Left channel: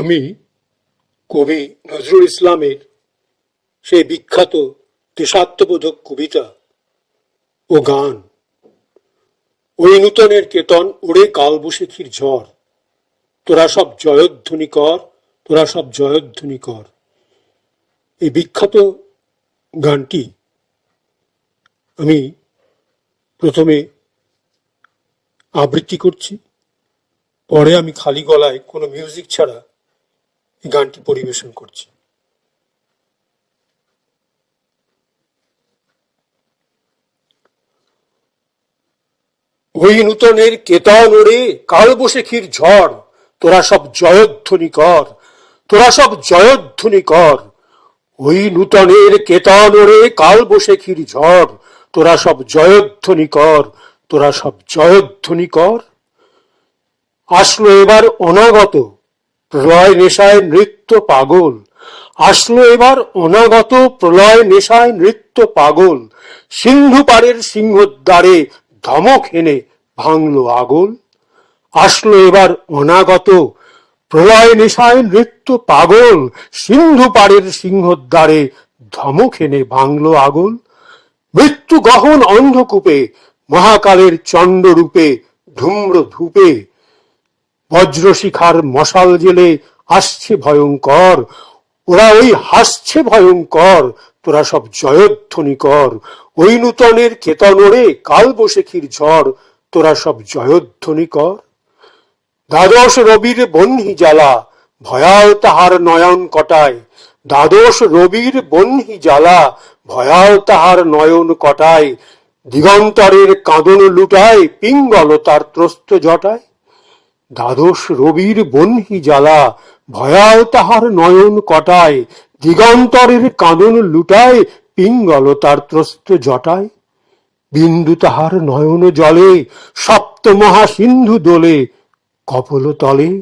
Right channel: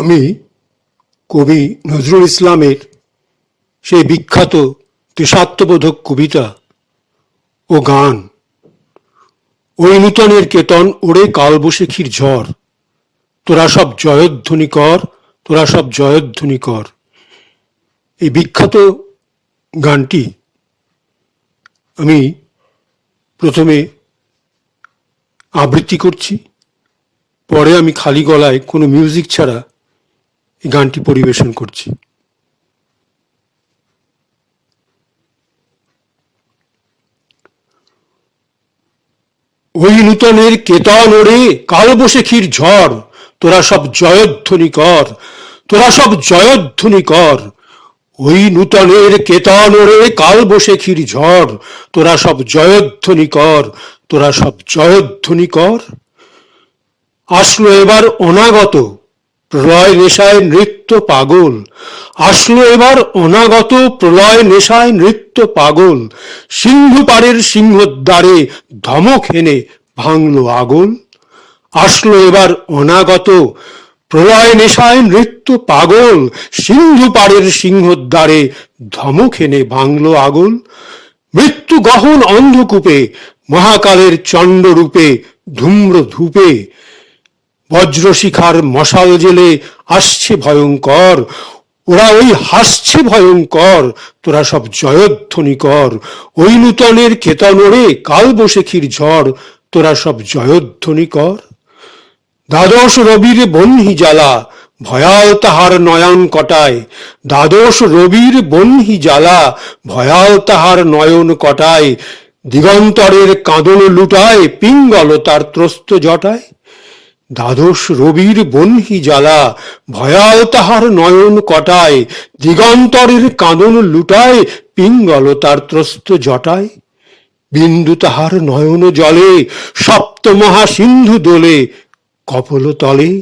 আমি কবি নজরুল ইসলামের সেই বিখ্যাত দেশাত্মবোধক কবিতা ও গান ওই নূতনের কেতন ওরে কালবৈশাখীর ঝড়, তোরা সব জয়ধ্বনি কর, তোরা সব জয়ধ্বনি কর, এই বিখ্যাত গানটি আমি প্রথমে আবৃত্তি করছি, পরে আমি খালি গলায় কোনো মিউজিক ছাড়া এই গানটি পরিবেশন করছি। ওই নূতনের কেতন ওরে কালবৈশাখীর ঝড়, তোরা সব জয়ধ্বনি কর, তোরা সব জয়ধ্বনি কর। ওই নূতনের কেতন ওরে কালবৈশাখীর ঝড়, তোরা সব জয়ধ্বনি কর, তোরা সব জয়ধ্বনি কর। আসলো এবার অনাগত প্রলয় নেশায় নৃত্য পাগল, আসলো এবার অনাগত প্রলয় নেশায় নৃত্য পাগল। সিংহু পাড়ের সিংহদ্বারে ধমক হেনে ভাঙলো আগল। আসলো এবার অনাগত প্রলয় নেশায় নৃত্য পাগল, সিন্ধু পাড়ের সিংহদ্বারে ধমক হেনে ভাঙলো আগল। মৃত্যু গহন অন্ধকূপে মহাকালের চণ্ডরূপে ধূম্র ধূপে বজ্রশিখার মশাল জেলে আসছে ভয়ঙ্কর, ওরা ওই হাসছে ভয়ঙ্কর, তোরা সব জয়ধ্বনি কর। ওই নূতনের কেতন ওরে কালবৈশাখীর ঝড়, তোরা সব জয়ধ্বনি কর। দ্বাদশ রবির বহ্নি জ্বালা ভয়াল তাহার নয়ন কটায়, দ্বাদশ রবির বহ্নি জ্বালা ভয়াল তাহার নয়ন কটায়। দিগন্তরের কাঁদন লুটায় পিঙ্গল তার ত্রস্ত জটায়। দ্বাদশ রবির বহ্নি জ্বালা ভয়াল তাহার নয়ন কটায়, দিগন্তরের কাঁদন লুটায় পিঙ্গল তার ত্রস্ত জটায়। বিন্দু তাহার নয়ন জলে সপ্ত মহাসিন্ধু দোলে কপল তলে,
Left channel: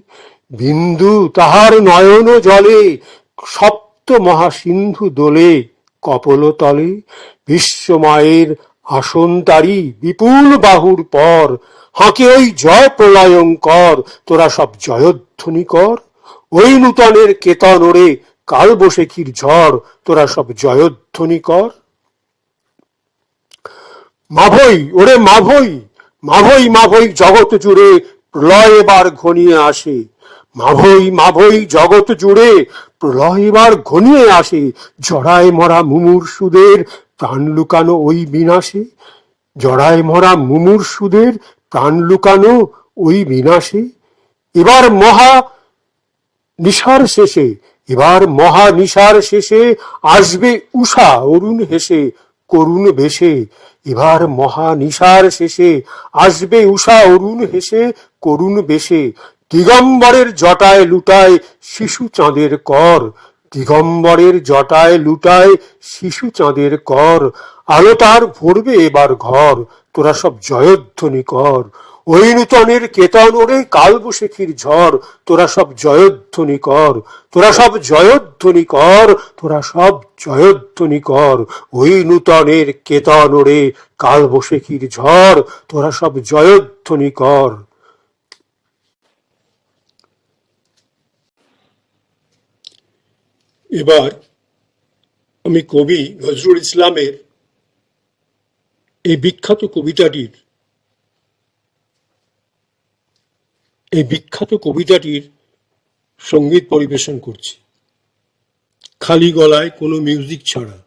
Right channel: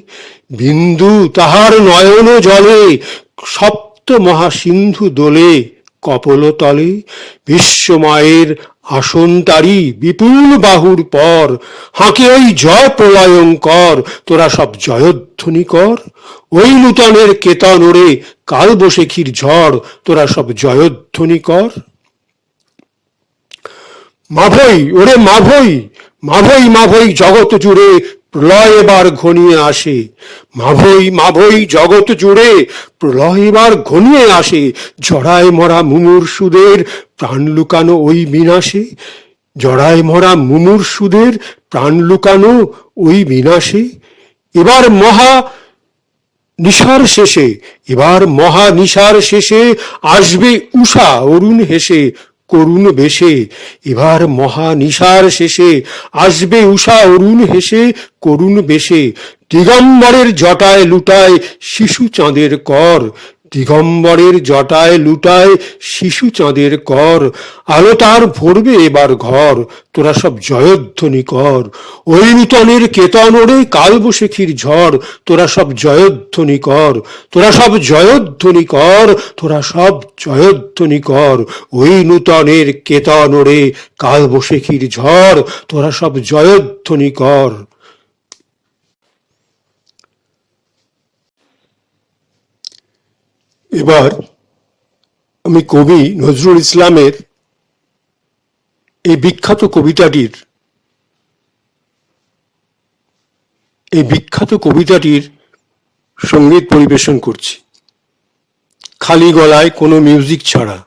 বিন্দু তাহার নয়ন জলে সপ্ত মহাসিন্ধু দোলে কপল তলে। বিশ্বমায়ের আসন তারি বিপুল বাহুর পর, হাঁকে ওই জয় প্রলয়ঙ্কর, তোরা সব জয়ধ্বনি কর। ওই নূতনের কেতন ওরে কালবৈশাখীর ঝড়, তোরা সব জয়ধ্বনি কর। মাভৈ ওরে মাভৈ, মাভৈ মাভৈ জগৎ জুড়ে প্রলয় এবার ঘনিয়ে আসে। মাভৈ মাভৈ জগৎ জুড়ে প্রলয় এবার ঘনিয়ে আসে। জড়ায় মরা মুমূর্ষুদের প্রাণ লুকানো ওই বিনাশে, জড়ায় মরা মুমূর্ষুদের প্রাণ লুকানো ওই বিনাশে। এবার মহা নিশার শেষে, এবার মহা নিশার শেষে আসবে উষা অরুণ হেসে করুণ বেশে। এবার মহা নিশার শেষে আসবে উষা অরুণ হেসে করুণ বেশে। দিগম্বরের জটায় লুটায় শিশু চাঁদের কর, দিগম্বরের জটায় লুটায় শিশু চাঁদের কর। আলো তার ভরবে এবার ঘর, তোরা সব জয়ধ্বনি কর। ওই নূতনের কেতন ওরে কালবৈশাখীর ঝড়, তোরা সব জয়ধ্বনি কর, তোরা সব জয়ধ্বনি কর, তোরা সব জয়ধ্বনি কর। ওই নূতনের কেতন ওরে কালবৈশাখীর ঝড়, তোরা সব জয়ধ্বনি কর। এবার আমি কবি নজরুল ইসলামের এই বিখ্যাত কবিতাটির সঙ্গীত পরিবেশন করছি, খালি গলায় কোনো মিউজিক ছাড়া।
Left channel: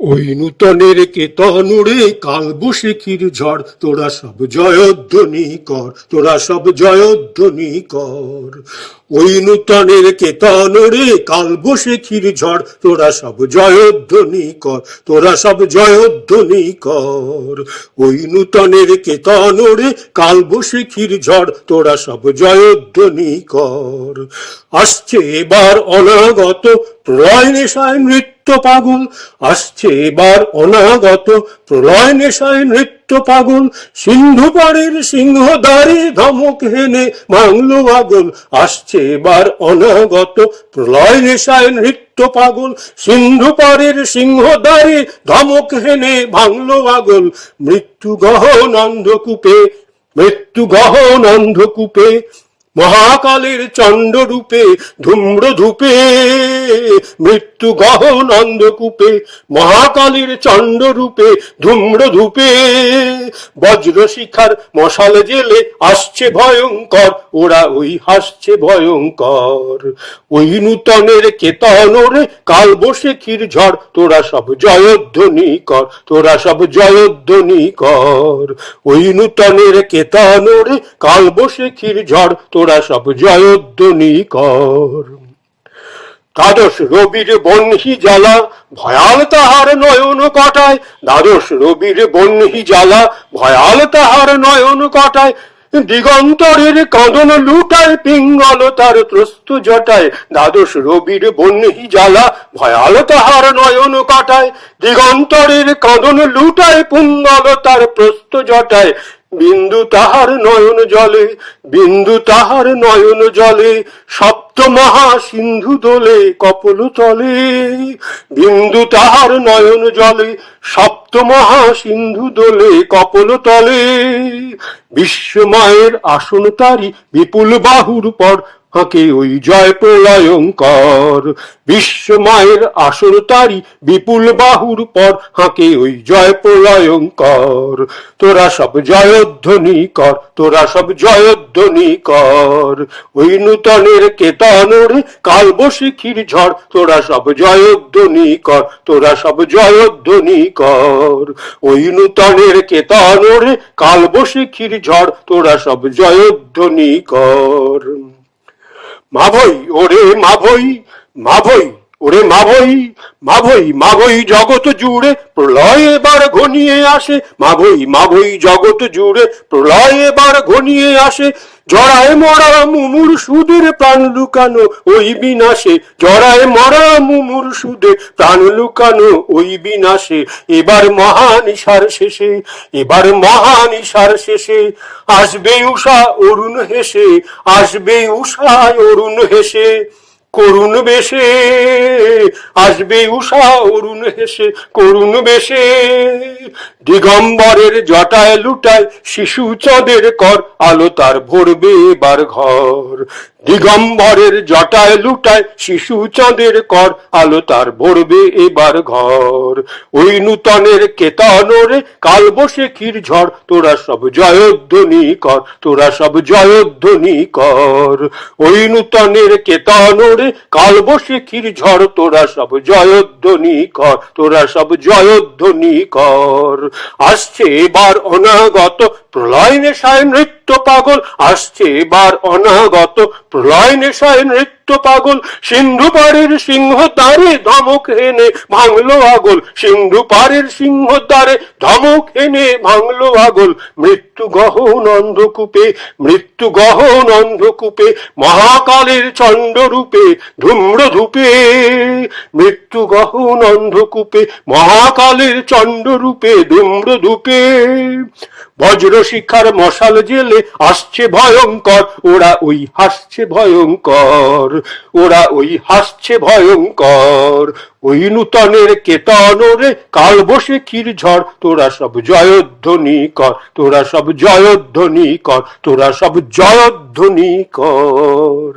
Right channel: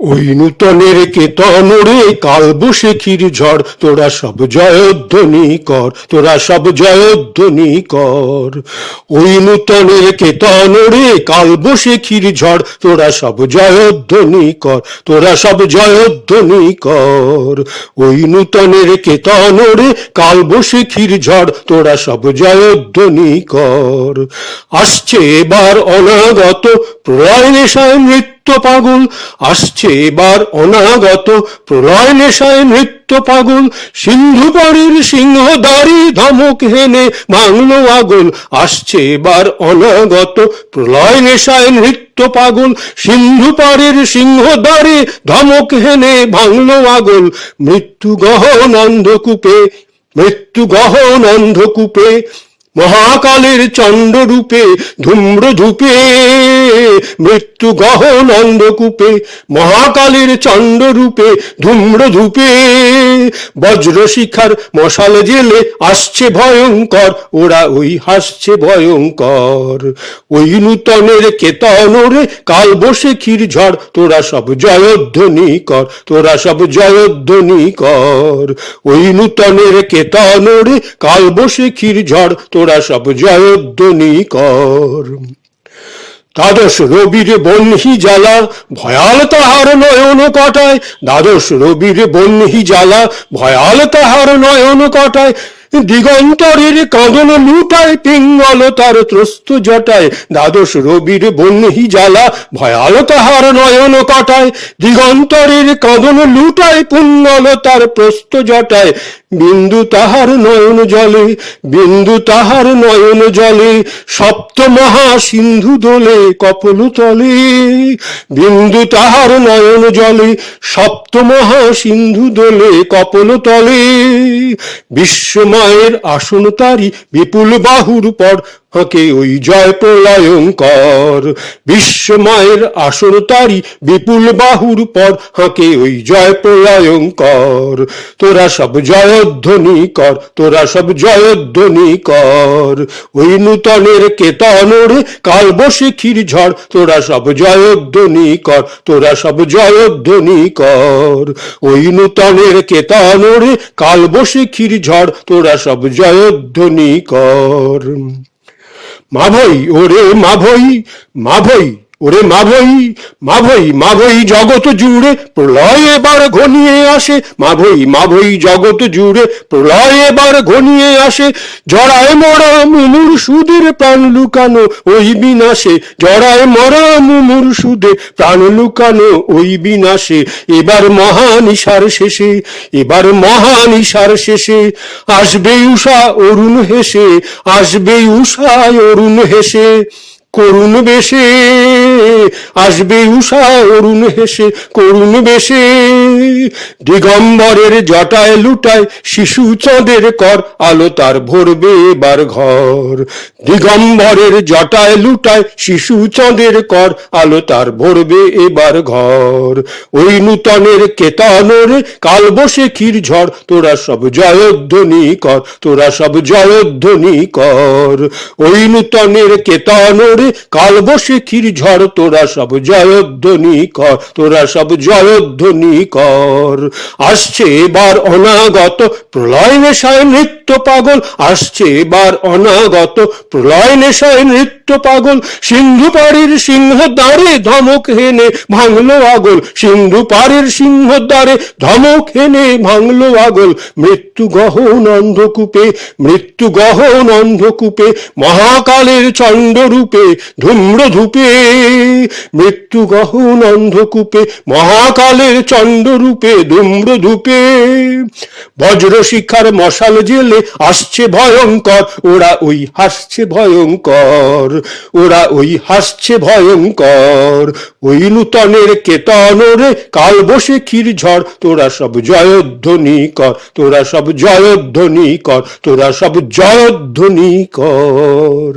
ওই নূতনের কেতন ওরে কালবৈশাখীর ঝড়, তোরা সব জয়ধ্বনি কর, তোরা সব জয়ধ্বনি কর। ওই নূতনের কেতন ওরে কালবৈশাখীর ঝড়, তোরা সব জয়ধ্বনি কর, তোরা সব জয়ধ্বনি কর। ওই নূতনের কেতন ওরে কালবৈশাখীর ঝড়, তোরা সব জয়ধ্বনি কর। আসছে এবার অনাগত প্রলয় নেশায় নৃত্য পাগল, আসছে এবার অনাগত প্রলয় নেশায় নৃত্য পাগল। সিন্ধু পাড়ের সিংহদ্বারে ধমক হেনে ভাঙলো আগল, আসছে এবার অনাগত প্রলয় নেশায় নৃত্য পাগল। সিন্ধু পাড়ের সিংহদ্বারে ধমক হেনে ভাঙলো আগল। মৃত্যু গহন অন্ধকূপে মৃত্যু গহন অন্ধকূপে মহাকালের চণ্ডরূপে ধূম্রধূপে, মৃত্যু গহন অন্ধকূপে মহাকালের চণ্ডরূপে ধূম্রধূপে, বজ্রশিখার মশাল জেলে আসছে ভয়ঙ্কর, ওরা ওই হাসছে ভয়ঙ্কর। ওই নূতনের কেতনরে কালবৈশাখীর ঝড়, তোরা সব জয়ধ্বনি কর, তোরা সব জয়ধ্বনি কর। ওই নূতনের কেতনরে কালবৈশাখীর ঝড়, তোরা সব জয়ধ্বনি কর। দ্বাদশ রবির বহ্নি জ্বালা ভয়াল তাহার নয়ন কাটায়, দ্বাদশ রবির বহ্নি জ্বালা ভয়াল তাহার নয়ন কাটায়, দিগন্তরের কাঁদন লুটায় পিঙ্গল তার ত্রস্ত জটায়। দ্বাদশ রবির বহ্নি জ্বালা ভয়াল তাহার নয়ন কাটায়, দিগন্তরের কাঁদন লুটায় পিঙ্গল তার প্রস্ত জটায়। বিন্দু তাহার নয়ন জলে, বিন্দু তাহার নয়ন জলে, সপ্ত মহা সিন্ধু দোলে কপল তলে। বিন্দু তাহার নয়ন জলে, সপ্ত মহা সিন্ধু দোলে কপল তলে। বিশ্বময়ের আসন তারি বিপুল বাহুর পর, হাঁকে ওই জয় প্রলয়ঙ্কর। বিশ্বময়ের আসন তারি বিপুল বাহুর পর, হাঁকে ওই জয় প্রলয়ঙ্কর। তোরা সব জয়ধ্বনি কর, তোরা সব জয়ধ্বনি কর। ওই নূতনের কেতনরে কালবৈশাখীর ঝড়, তোরা সব জয়ধ্বনি কর, তোরা সব জয়ধ্বনি কর। ওই নূতনের কেতনরে কালবৈশাখীর ঝড়, তোরা সব জয়ধ্বনি কর। মাভৈ ওরে মাভৈ, মাভৈ ওরে মাভৈ, মাভৈ মাভৈ জগৎ জুড়ে প্রলয় এবার ঘনিয়ে আসে, মাভৈ মাভৈ জগৎ জুড়ে প্রলয় এবার ঘনিয়ে আসে। জড়ায় মরা মুমূর্ষুদের প্রাণ লুকানো ওই বিনাশে, জড়ায় মরা মুমূর্ষুদের প্রাণ লুকানো ওই বিনাশে। এবার মহানিশার শেষে, এবার মহানিশার শেষে, আসবে উষা অরুণ হেসে, আসবে উষা অরুণ হেসে করুণ বেশে, আসবে উষা অরুণ হেসে করুণ বেশে। দিগম্বরের জটায় লুটায় শিশু চাঁদের কর, আলো তার ভরবে এবার ঘর। দিগম্বরের জটায় লুটায় শিশু চাঁদের কর, আলো তার ভরবে এবার ঘর। ওই নূতনের কেতনরে কালবৈশাখীর ঝড়, তোরা সব জয়ধ্বনি কর, তোরা সব জয়ধ্বনি কর। ওই নূতনের কেতনরে কালবৈশাখীর ঝড়, তোরা সব জয়ধ্বনি কর, তোরা সব জয়ধ্বনি কর। আসছে এবার অনাগত প্রলয় নেশায় নৃত্য পাগল, আসছে এবার অনাগত প্রলয় নেশায় নৃত্য পাগল। সিন্ধু পাড়ের সিংহ দ্বারে ধমক হেনে ভাঙলো আগল, সিন্ধু পাড়ের সিংহ দ্বারে ধমক হেনে ভাঙলো আগল। মৃত্যু গহন অন্ধকূপে, মৃত্যু গহন অন্ধকূপে মহাকালের চণ্ডরূপে ধূম্রধূপে, মৃত্যু গহন অন্ধকূপে মহাকালের চণ্ডরূপে ধূম্রধূপে। বজ্রশিখার মশাল জেলে আসছে ভয়ঙ্কর, ওরা ওই হাসছে ভয়ঙ্কর, ওরা ওই হাসছে ভয়ঙ্কর। ওই নূতনের কেতনরে কালবৈশাখীর ঝড়, তোরা সব জয়ধ্বনি কর, তোরা সব জয়ধ্বনি কর, তোরা সব জয়ধ্বনি কর।